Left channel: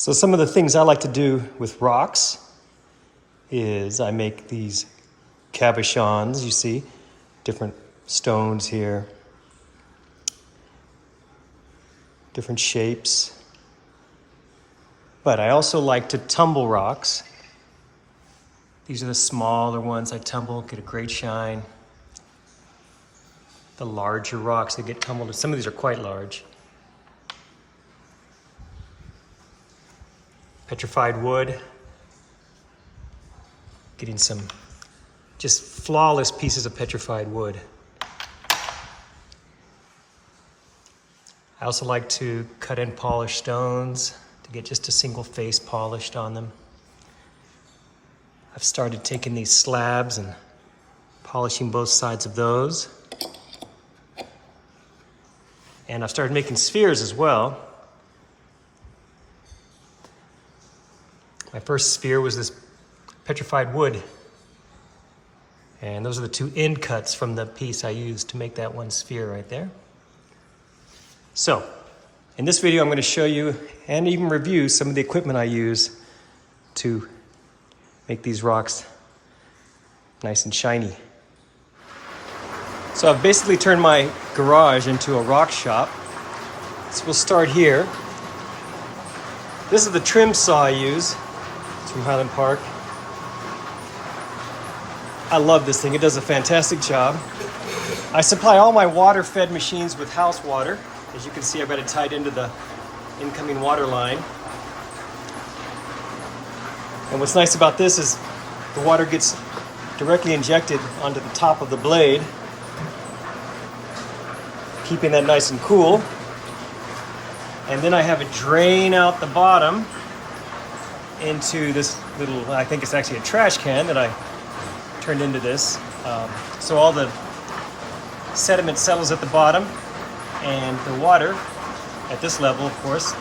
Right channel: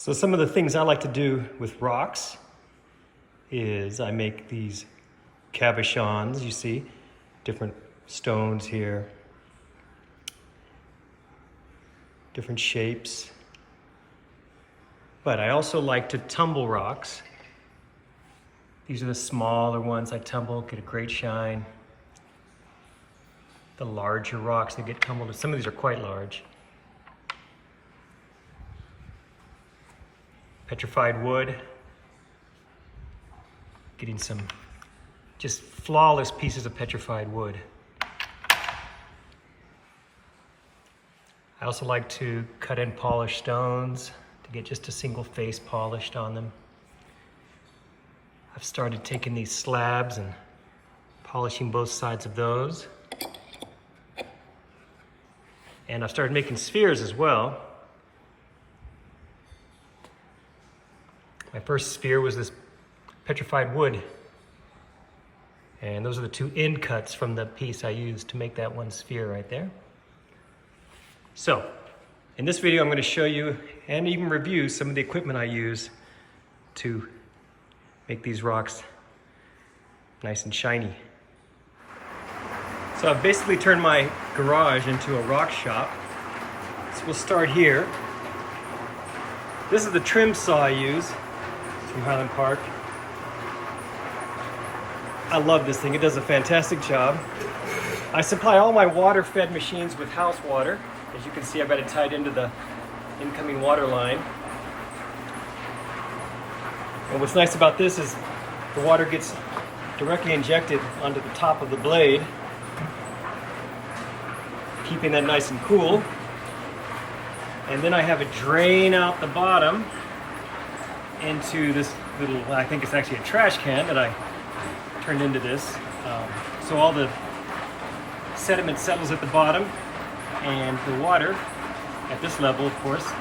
So some of the things I like to do with rocks is I make these cabochons, you see, different stones here, different shapes. But I also like to tumble rocks. These are the smaller ones I tumble, get a great shine. The larger rocks that get tumbled, some of these are quite large. Petrified wood, getting some just flawless pieces of petrified wood. I also like to cut and polish stones to get just a single face polished on them. I've started taking these slabs and polishing both sides of those. And I've started making spheres as well. My first sphere was this petrified wood. And those are the two end cuts from the piece I used to make that one sphere right there. So, in this video I'm going to show you and even review some of the equipment I use to make these rocks nice and shiny. So I've basically turned my garage into a rock shop. So we'll start here. This is the trim saw I use. It's from Highland Park. I love this thing. It does a fantastic job. I supply all my water-fed machines with house water. As you can see, I've got it tied into the incoming water line. And what's nice about this is the water gets directly injected onto the top of the blade, keeping that nice and cool. And then I have a drain out the bottom into this little, I think it's actually a trash can that I turned into this. So all the sediment settles at the bottom, and the water at this level, of course,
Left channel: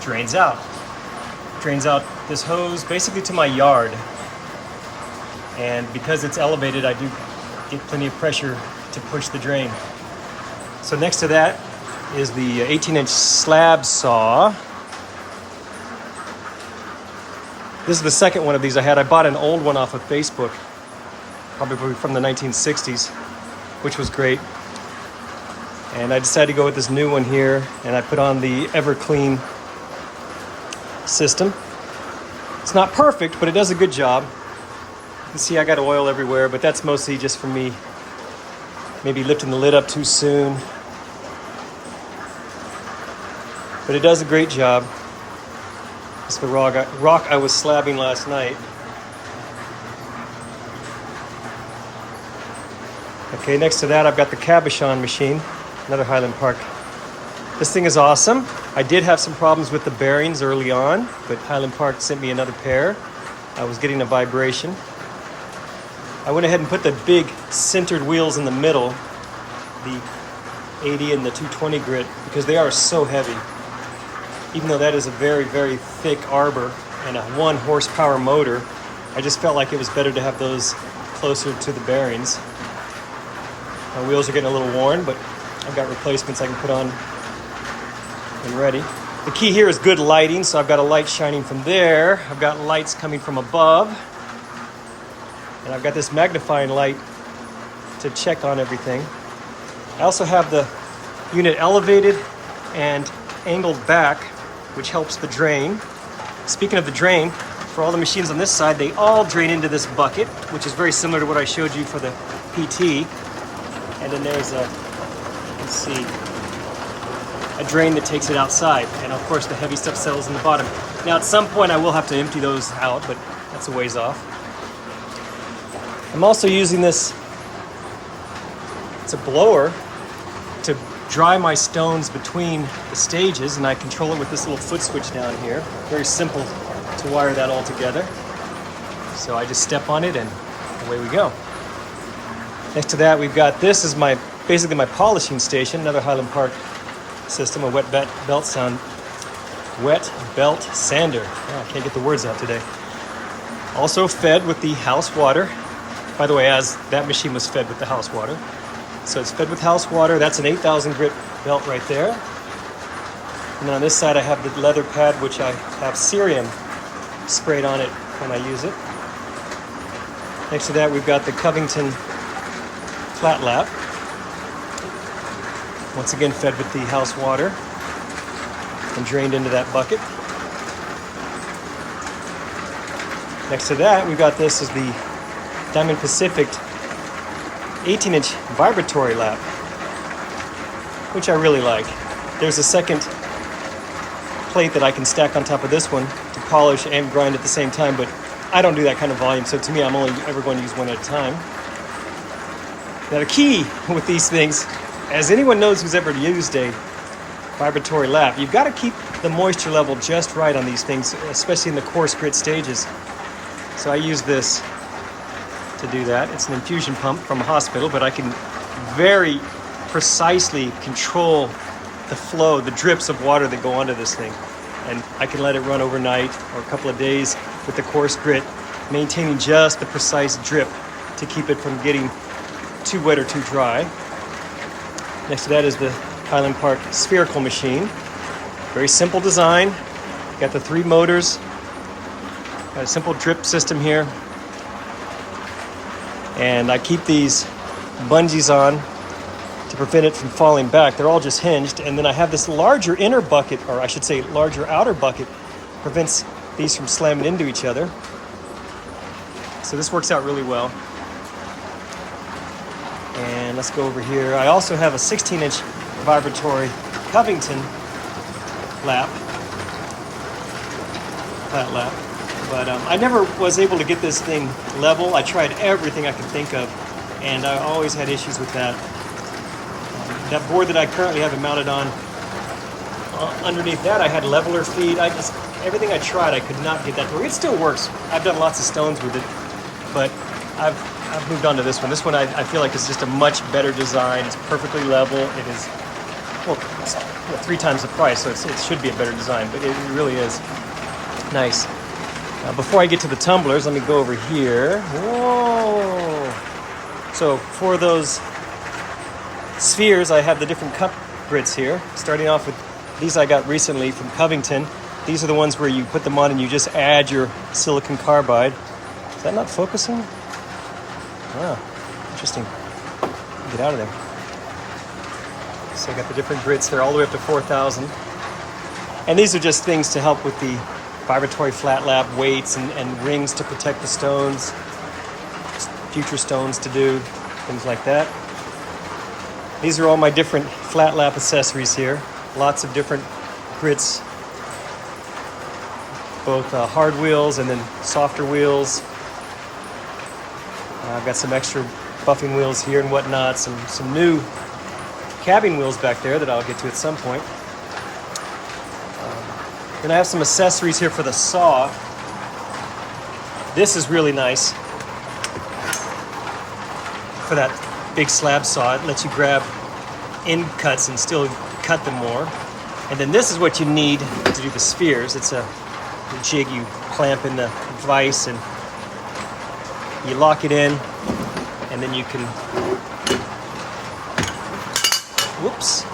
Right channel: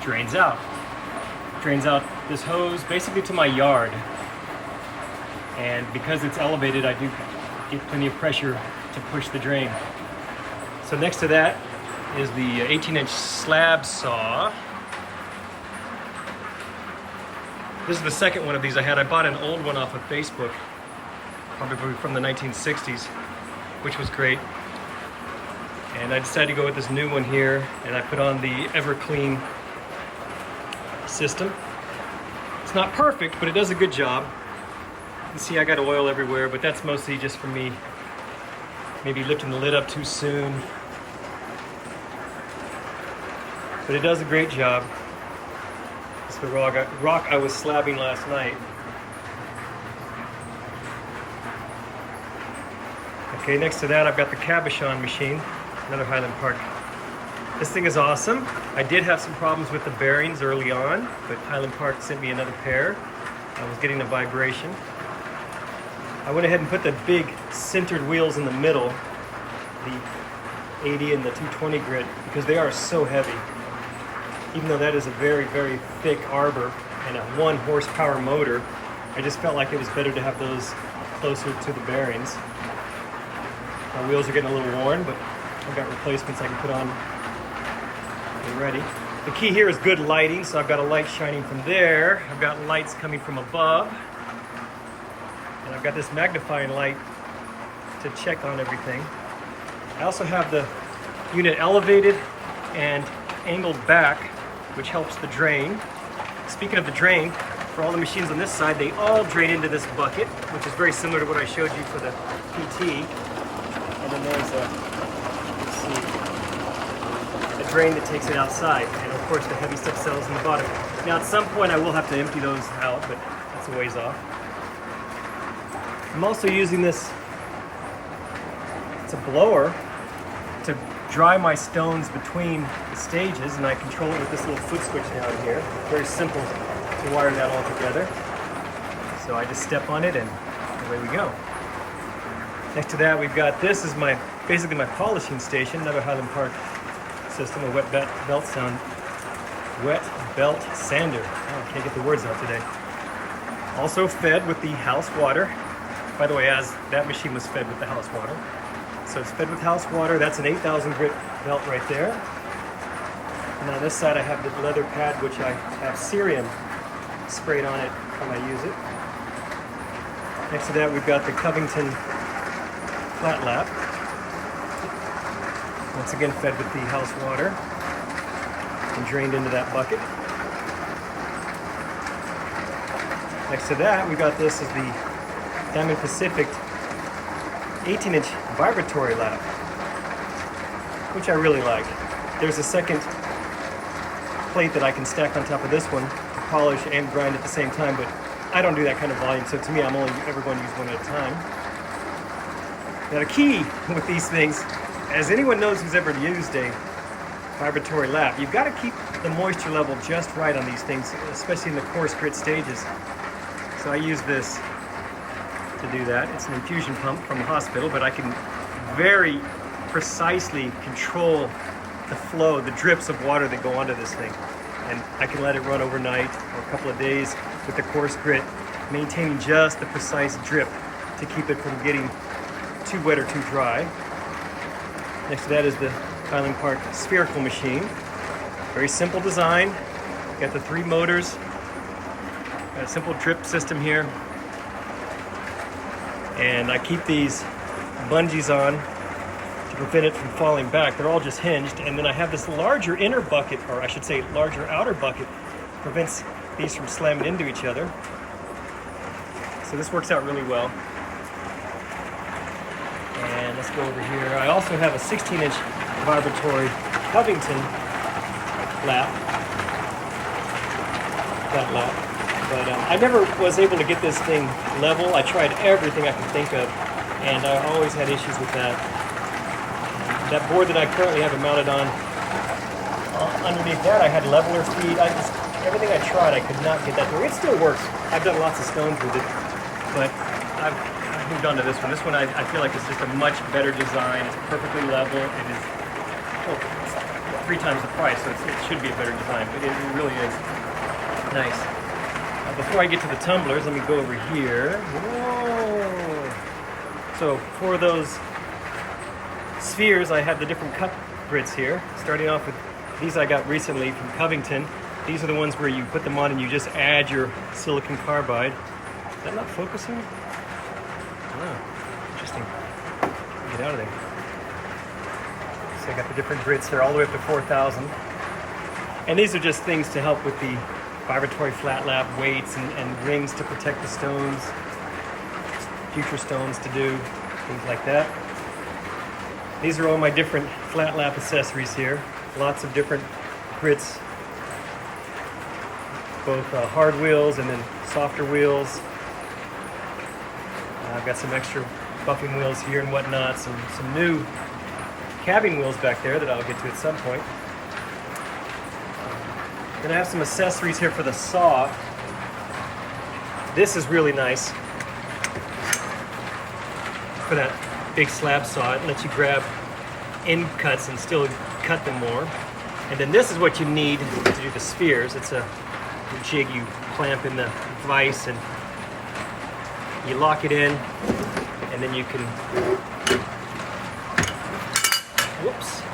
drains out. Drains out this hose basically to my yard. And because it's elevated, I do get plenty of pressure to push the drain. So next to that is the 18-inch slab saw. This is the second one of these I had. I bought an old one off of Facebook, probably from the 1960s, which was great. And I decided to go with this new one here, and I put on the EverClean system. It's not perfect, but it does a good job. You can see I got oil everywhere, but that's mostly just from me maybe lifting the lid up too soon. But it does a great job. This is the rock I was slabbing last night. Okay, next to that I've got the cabochon machine, another Highland Park. This thing is awesome. I did have some problems with the bearings early on, but Highland Park sent me another pair. I was getting a vibration. I went ahead and put the big centered wheels in the middle, the 80 and the 220 grit, because they are so heavy. Even though that is a very, very thick arbor and a 1 horsepower motor, I just felt like it was better to have those closer to the bearings. My wheels are getting a little worn, but I've got replacements I can put on when ready. The key here is good lighting, so I've got a light shining from there. I've got lights coming from above. And I've got this magnifying light to check on everything. I also have the unit elevated and angled back, which helps the drain. Speaking of the drain, for all the machines on this side, they all drain into this bucket, which is very similar to what I showed you for the PT. And then there's a, let's see, a drain that takes it outside. And of course the heavy stuff settles in the bottom. Now at some point I will have to empty those out, but that's a ways off. I'm also using this, it's a blower, to dry my stones between the stages, and I control it with this little foot switch down here. Very simple to wire that all together. So I just step on it and away we go. Next to that we've got, this is basically my polishing station, another Highland Park system, a wet belt sander. Oh, I can't get the words out today. Also fed with the house water. By the way, as that machine was fed with the house water. So it's fed with house water. That's an 8,000 grit belt right there. And then on this side I have the leather pad, which I have cerium sprayed on it when I use it. Next to that we've got the Covington flat lap. Once again fed with the house water and drained into that bucket. Next to that we've got this is the Diamond Pacific 18-inch vibratory lap, which I really like. There's a second plate that I can stack on top of this one to polish and grind at the same time, but I don't do that kind of volume, so to me I'm only ever going to use one at a time. Now the key with these things, as anyone knows who's ever used a vibratory lap, you've got to keep the moisture level just right on these things, especially in the coarse grit stages. So I use this to do that. It's an infusion pump from a hospital, but I can very precisely control the flow, the drips of water that go onto this thing. And I can let it run overnight or a couple of days with the coarse grit, maintaining just the precise drip to keep it from getting too wet or too dry. Next to that is the Highland Park spherical machine. Very simple design. Got the 3 motors. Got a simple drip system here. And I keep these bungees on to prevent it from falling back. They're all just hinged. And then I have this larger inner bucket, or I should say larger outer bucket, prevents these from slamming into each other. So this works out really well. And let's go over here. I also have a 16-inch vibratory Covington lap, flat lap. But I never was able to get this thing level. I tried everything I could think of, and I always had issues with that. That board that I currently have it mounted on, underneath that I had leveler feed. Everything I tried, I could not get that to work. It still works. I've done lots of stones with it, but I've moved on to this one. This one I feel like is just a much better design. It's perfectly level. It is, well, it's 3 times the price, so it should be a better design, but it really is nice. Before I get to the tumblers, let me go over here. Whoa! So for those spheres, I have the different cup grits here. Starting off with these I got recently from Covington. These are the ones where you put them on and you just add your silicon carbide. Is that not focusing? Wow, interesting. Get out of there. So I got the different grits there all the way up to 4,000. And these are just things to help with the vibratory flat lap, weights and rings to protect the stones, future stones to do, things like that. These are all my different flat lap accessories here. Lots of different grits, both hard wheels and then softer wheels. I've got some extra buffing wheels here and whatnot, some new cabbing wheels back there that I'll get to at some point. Then I have some accessories here for the saw. This is really nice for that big slab saw. It lets you grab end cuts and still cut them more. And then this is what you need to do the spheres. It's a jig you clamp in the vise and you lock it in, and then you can, whoops,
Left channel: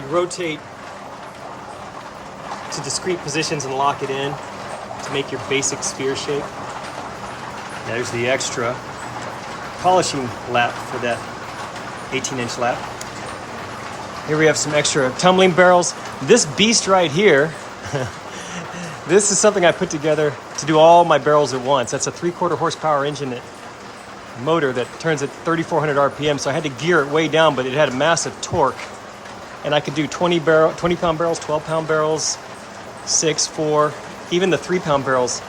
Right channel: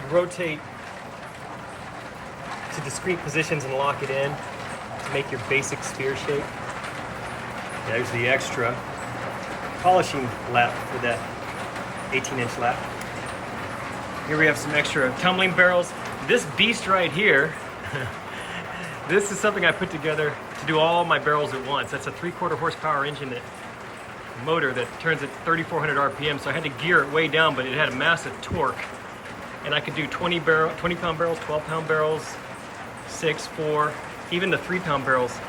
you rotate to discrete positions and lock it in to make your basic sphere shape. There's the extra polishing lap for that 18-inch lap. Here we have some extra tumbling barrels. This beast right here, this is something I put together to do all my barrels at once. That's a 3/4 horsepower engine motor that turns at 3,400 RPM, so I had to gear it way down, but it had a massive torque. And I could do 20-pound barrels, 12-pound barrels, 6, 4, even the 3-pound barrels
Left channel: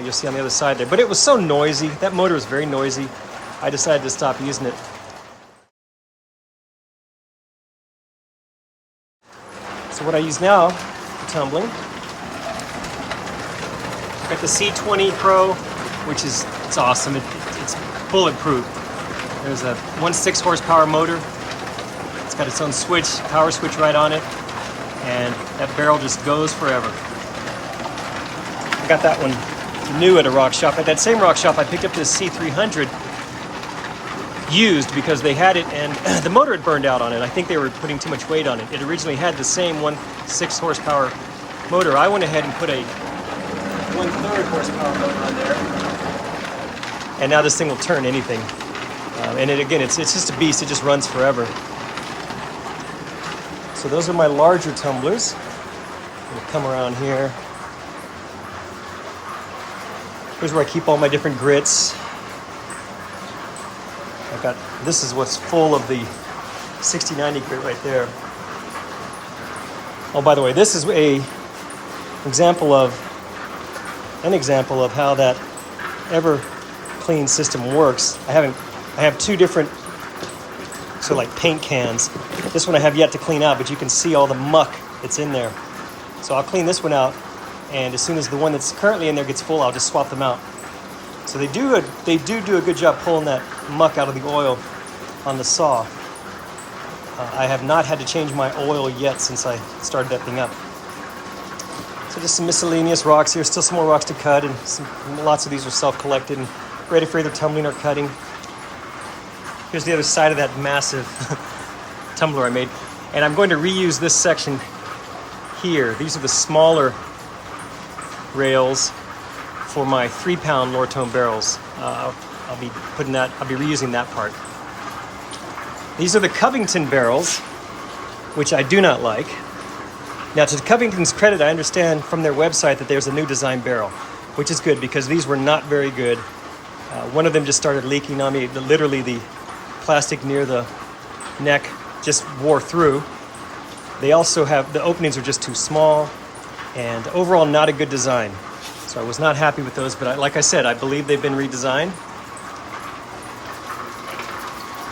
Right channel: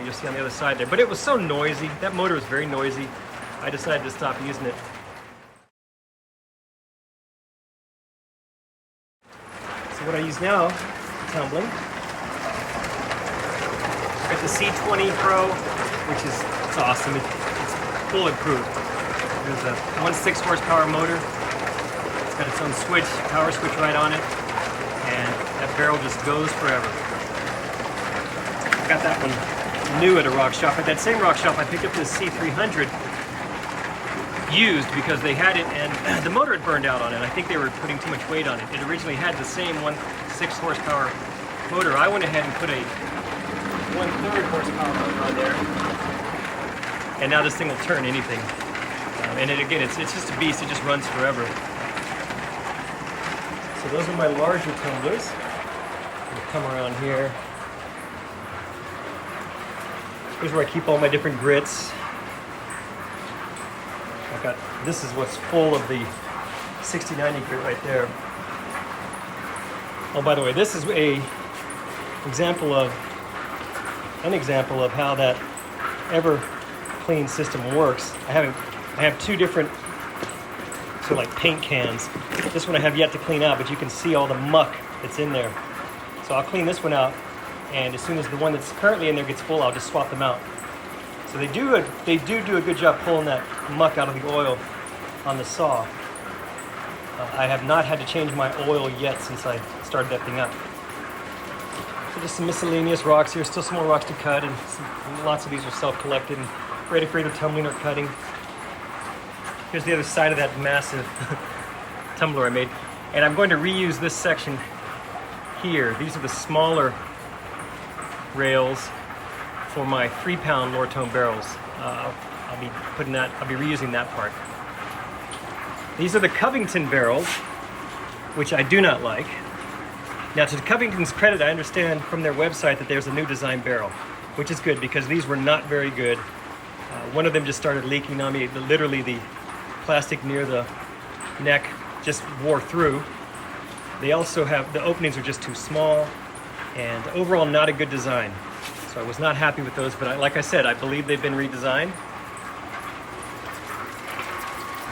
you'll see on the other side there. But it was so noisy. That motor was very noisy. I decided to stop using it. So what I use now for tumbling, I've got the C20 Pro, which is, it's awesome. It's bulletproof. There's a 1.6 horsepower motor. It's got its own switch, power switch right on it, and that barrel just goes forever. I got that one new at a rock shop. At that same rock shop, I picked up this C300 used because they had it and the motor had burned out on it. I think they were putting too much weight on it. It originally had the same 1.6 horsepower motor. I went ahead and put a 1/3 horsepower motor on there, and now this thing will turn anything. And it's just a beast. It just runs forever. So those are my larger tumblers. I'm gonna come around here. Here's where I keep all my different grits. This is what's full of the 6090 grit right there. Oh, by the way, this is an example of how that ever clean system works. I have two different sort of like paint cans. This one I have yet to clean out, but you can see all the muck that's in there. So I'll clean this one out, and as soon as the one that's currently in there gets full, I'll just swap them out. So they do a good job pulling that muck out of the oil on the saw. I have not had to change my oil yet since I started that thing up. So just some miscellaneous rocks here. Still some more rocks to cut, and lots of these are self-collected and ready for either tumbling or cutting. Here's the other side of that massive tumbler I made. And I'm going to reuse this section here. These are the smaller rails for my 3-pound Lortone barrels. I'll be reusing that part. These are the Covington barrels, which I do not like. Now, to Covington's credit, I understand from their website that there's a new design barrel, which is good because these were not very good. One of them just started leaking on me. Literally, the plastic near the neck just wore through. They also have, the openings are just too small, and overall not a good design. So I was not happy with those, but like I said, I believe they've been redesigned.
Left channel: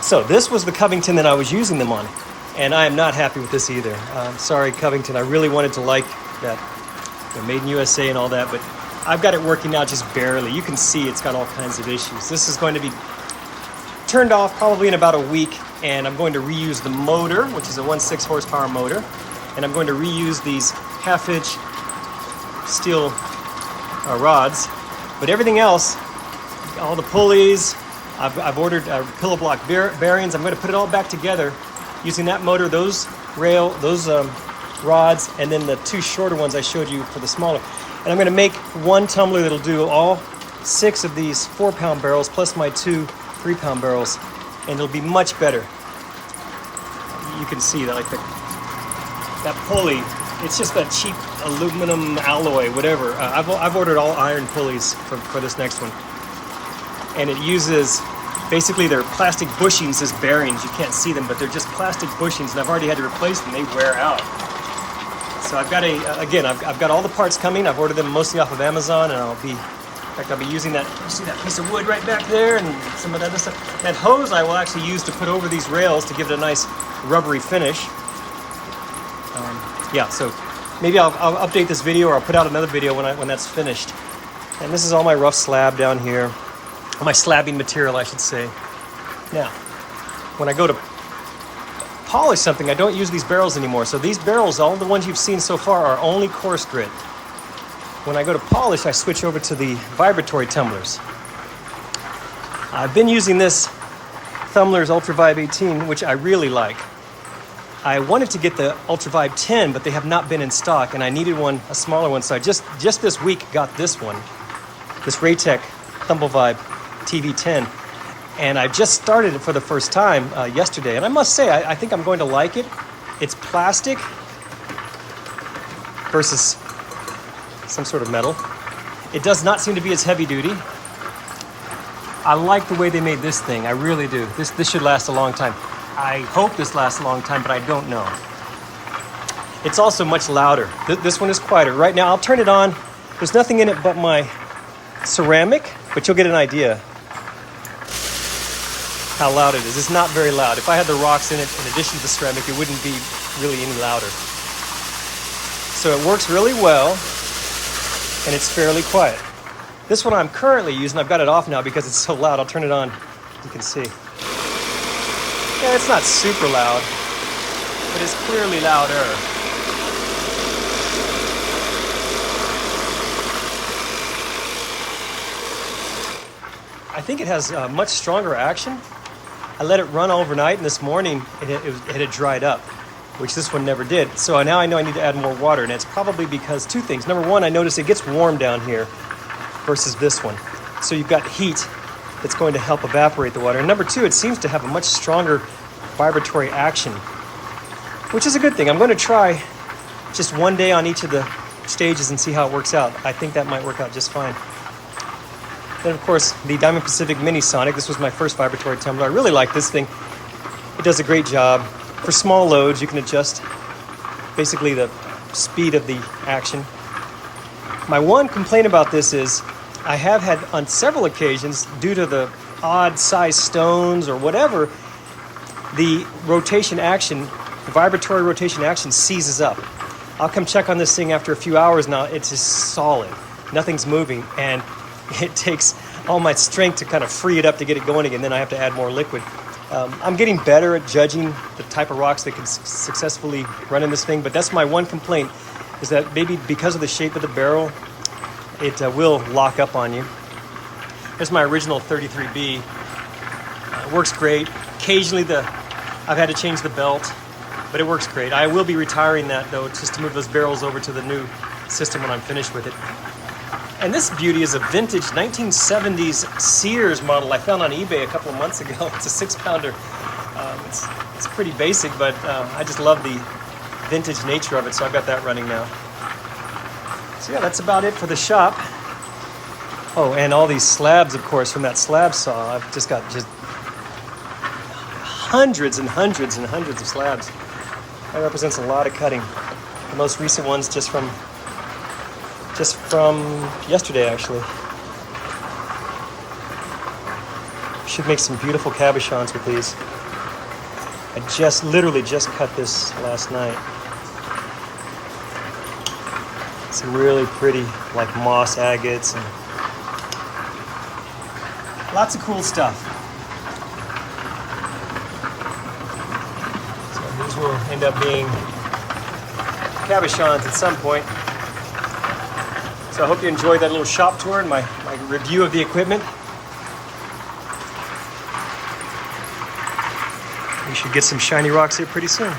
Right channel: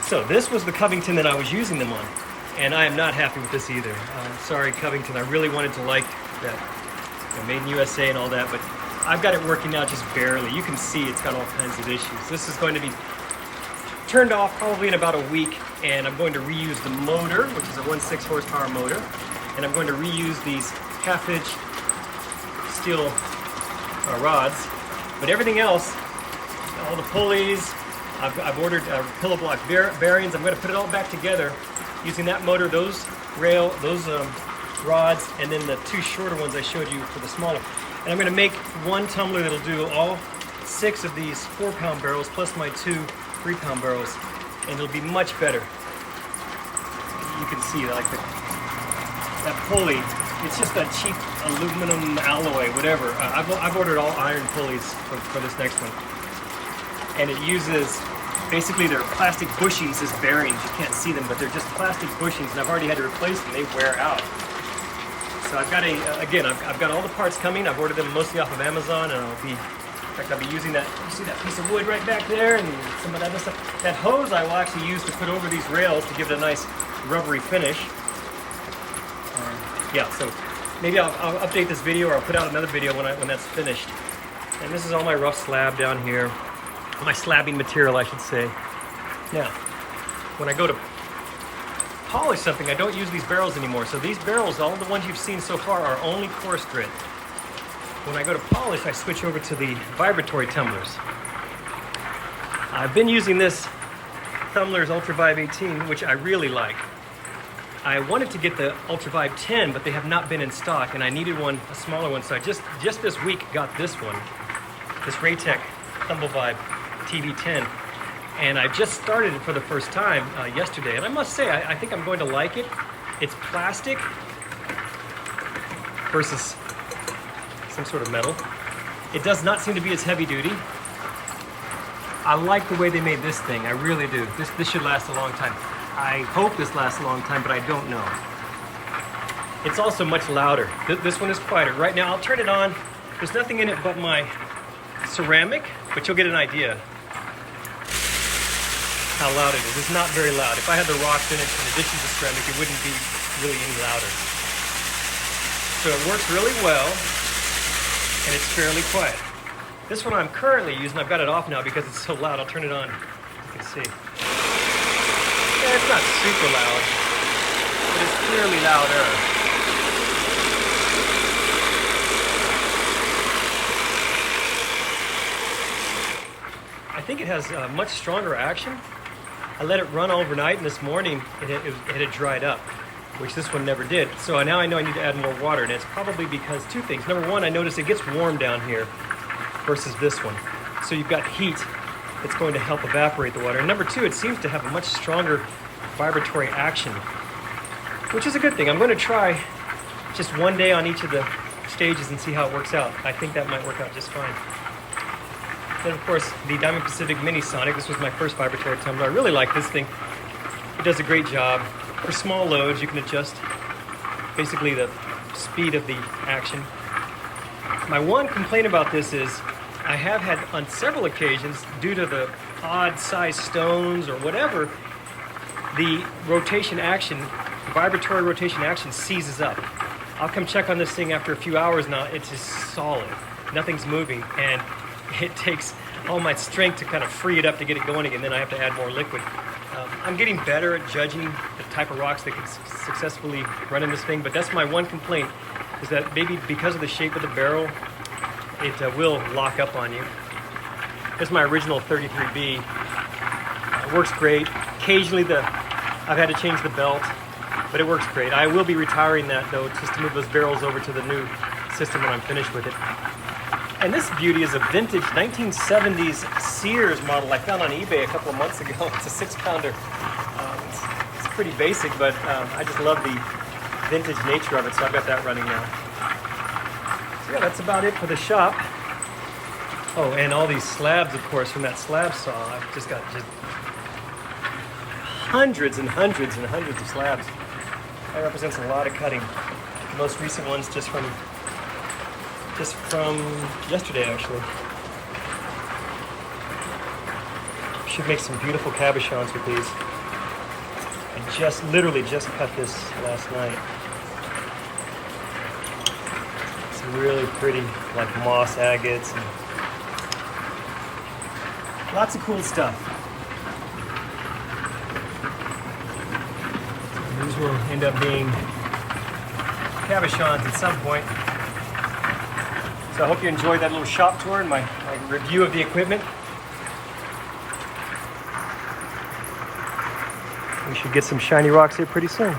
So this was the Covington that I was using them on, and I am not happy with this either. I'm sorry, Covington. I really wanted to like that, made in USA and all that, but I've got it working out just barely. You can see it's got all kinds of issues. This is going to be turned off probably in about a week, and I'm going to reuse the motor, which is a 1.6 horsepower motor, and I'm going to reuse these 1/2-inch steel rods, but everything else, all the pulleys, I've ordered pillow block bearings. I'm going to put it all back together using that motor, those rods, and then the two shorter ones I showed you for the smaller. And I'm going to make one tumbler that'll do all 6 of these 4-pound barrels plus my 2 3-pound barrels, and it'll be much better. You can see that, like that pulley, it's just a cheap aluminum alloy, whatever. I've ordered all iron pulleys for this next one, and it uses basically they're plastic bushings as bearings. You can't see them, but they're just plastic bushings, and I've already had to replace them. They wear out. So I've got I've got all the parts coming. I've ordered them mostly off of Amazon, and I'll be using that. You see that piece of wood right back there, and some of that other stuff. That hose I will actually use to put over these rails to give it a nice rubbery finish. Yeah, so maybe I'll update this video, or I'll put out another video when that's finished. And this is all my rough slab down here, or my slabbing material, I should say. Now, when I go to polish something, I don't use these barrels anymore. So these barrels, all the ones you've seen so far, are only coarse grit. When I go to polish, I switch over to the vibratory tumblers. I've been using this Tumbler's Ultra Vibe 18, which I really like. I wanted to get the Ultra Vibe 10, but they have not been in stock, and I needed one, a smaller one, so I just this week got this one, this Raytech Tumble Vibe TV10, and I just started it for the first time yesterday, and I must say, I think I'm going to like it. It's plastic versus some sort of metal. It does not seem to be as heavy duty. I like the way they made this thing, I really do. This should last a long time. I hope this lasts a long time, but I don't know. It's also much louder. This one is quieter. Right now, I'll turn it on. There's nothing in it but my ceramic, but you'll get an idea how loud it is. It's not very loud. If I had the rocks in it, in addition to the ceramic, it wouldn't be really any louder. So it works really well, and it's fairly quiet. This one I'm currently using, I've got it off now because it's so loud. I'll turn it on, you can see. Yeah, it's not super loud, but it's clearly louder. I think it has much stronger action. I let it run overnight, and this morning it had dried up, which this one never did. So now I know I need to add more water, and it's probably because two things. Number one, I noticed it gets warm down here versus this one. So you've got heat that's going to help evaporate the water. And number two, it seems to have a much stronger vibratory action, which is a good thing. I'm going to try just one day on each of the stages and see how it works out. I think that might work out just fine. Then, of course, the Diamond Pacific Mini Sonic. This was my first vibratory tumbler. I really like this thing. It does a great job. For small loads, you can adjust basically the speed of the action. My one complaint about this is I have had on several occasions, due to the odd size stones or whatever, the rotation action, the vibratory rotation action seizes up. I'll come check on this thing after a few hours now. It's just solid. Nothing's moving, and it takes all my strength to kind of free it up to get it going again. Then I have to add more liquid. I'm getting better at judging the type of rocks that can successfully run in this thing, but that's my one complaint, is that maybe because of the shape of the barrel, it will lock up on you. This is my original 33B. It works great. Occasionally I've had to change the belt, but it works great. I will be retiring that though, just to move those barrels over to the new system when I'm finished with it. And this beauty is a vintage 1970s Sears model I found on eBay a couple of months ago. It's a 6-pounder. It's pretty basic, but I just love the vintage nature of it, so I've got that running now. So yeah, that's about it for the shop. Oh, and all these slabs, of course, from that slab saw. I've just got hundreds and hundreds and hundreds of slabs. That represents a lot of cutting. The most recent one's just from yesterday, actually. Should make some beautiful cabochons with these. I literally just cut this last night. Some really pretty, like moss agates and lots of cool stuff. So these will end up being cabochons at some point. So I hope you enjoyed that little shop tour and my review of the equipment. We should get some shiny rocks here pretty soon.